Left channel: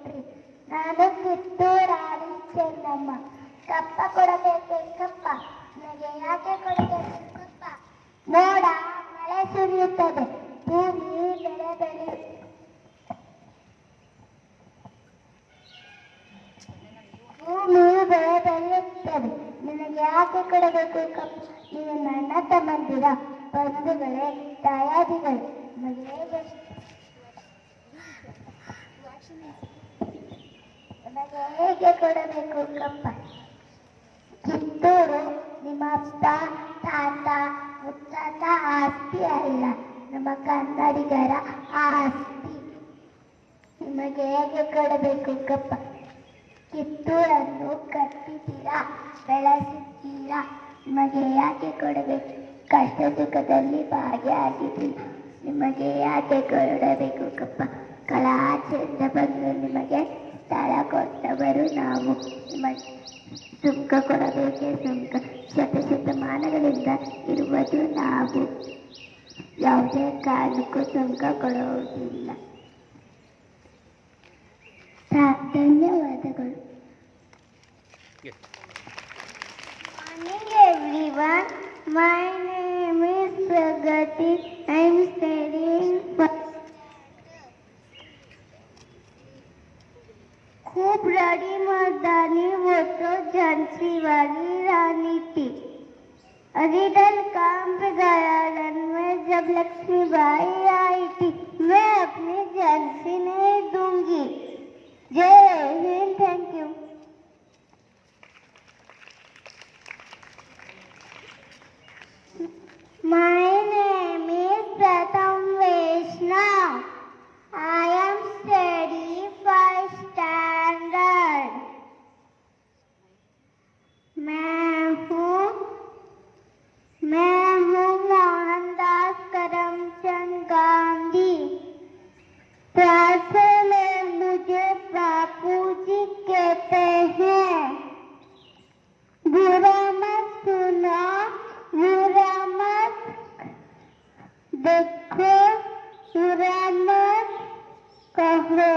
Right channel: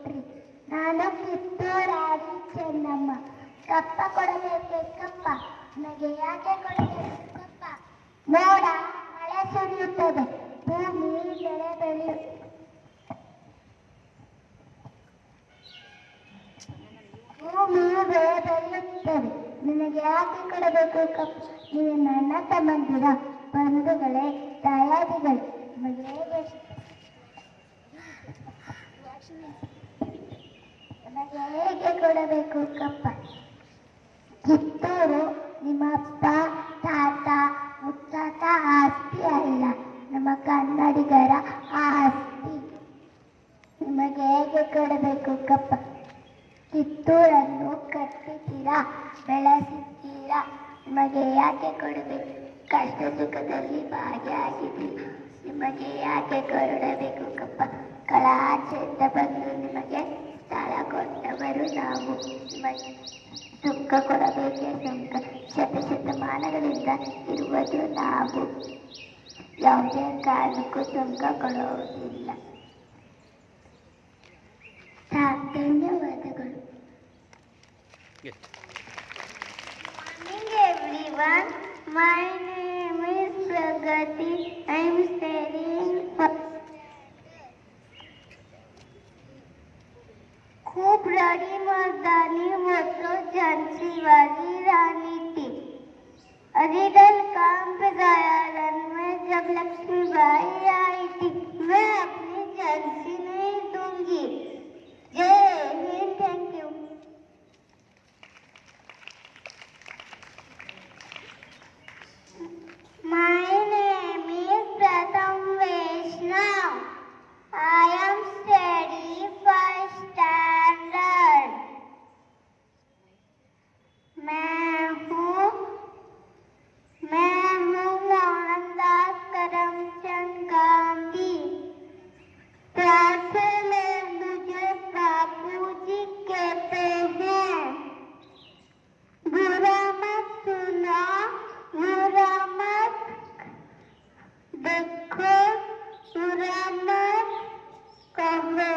ಕೊಟ್ರಿ. ನಾನು ಕಿತ್ತೂರಾಣಿ ಚೆನ್ನಮ್ಮ. ಕಪ್ಪ ಕೊಡಬೇಕೆ ಕಪ್ಪ, ನನಗೆ ಯಾಕೆ ಕೊಡಬೇಕೆ ಕಪ್ಪ? ನೋಡ, ಮಳೆ ಸುರಿಯುತ್ತದೆ, ಭೂಮಿ ಬೆಳೆ ಬೆಳೆಯುತ್ತದೆ, ನಿನಗೆ ಯಾಕೆ ಕೊಡಬೇಕು ಕಪ್ಪ? ನೀವು ನನ್ನ ತಮ್ಮಂದಿರ, ಬಂಧುಗಳೇ, ತಾಯಾದಿಗಳೇ, ನನಗೆ ಹೇಗೆ ಕೊಡಬೇಕು ಕಪ್ಪ? ಕಿತ್ತೂರು ನಿಮ್ಮ ಅಪ್ಪ ತಾತ ಮುತ್ತಾತ ಆಸ್ತಿ ಅಲ್ಲ, ನಮ್ಮ ಕನ್ನಡಿಗರ ಆಸ್ತಿ. ನಿಮಗೆ ಹೇಗೆ ಕೊಡಬೇಕು ಕಪ್ಪ? ಕಿತ್ತೂರನ್ನು ಕಟ್ಟಿದ್ದೀರಾ, ಬೆಳೆಸಿದ್ದೀರಾ, ನಿಮಗೆ ಯಾಕೆ ಕೊಡಬೇಕು? ಕಷ್ಟ ಸುಖದಲ್ಲಿ ಭಾಗಿಯಾಗಿದ್ದೀರ, ನಿಮಗೆ ಯಾಕೆ ಕೊಡಬೇಕು ಕಪ್ಪ? ಕಲಾಚೆಯಿಂದ ಬಂದು ನಿಮಗೆ ಸ್ಥಳ ಕೊಟ್ಟವರು ನಾವು, ನಿಮಗೆ ಸುಂಕ ಕೊಡಬೇಕೆ ಸುಂಕ? ಶತಮಾನಗಳಿಂದ ಇರುವುದು ನಾವು, ಯಾವುದೇ ಕಾರಣಕ್ಕೂ ಸುಂಕ ಕೊಡುವುದಿಲ್ಲ. ಧನ್ಯವಾದಗಳು. Morning everyone, my name is Pragati. I am studying खूब बड़ी मर्दानी वो तो झांसी वाली रानी थी। अरिदल काम पे दयालन में जब लक्ष्मीबाई आई थी, मैं अपनी झांसी नहीं दूंगी। जय Hind, thank you. My name is Pratham Vaishnav. I am studying 5th standard. मैं हूँ मोहनदास करमचंद गांधी। प्यासे में मुझे बापू जी कहते हैं। बुरा मत सुनो, बुरा मत देखो, बुरा मत कहो।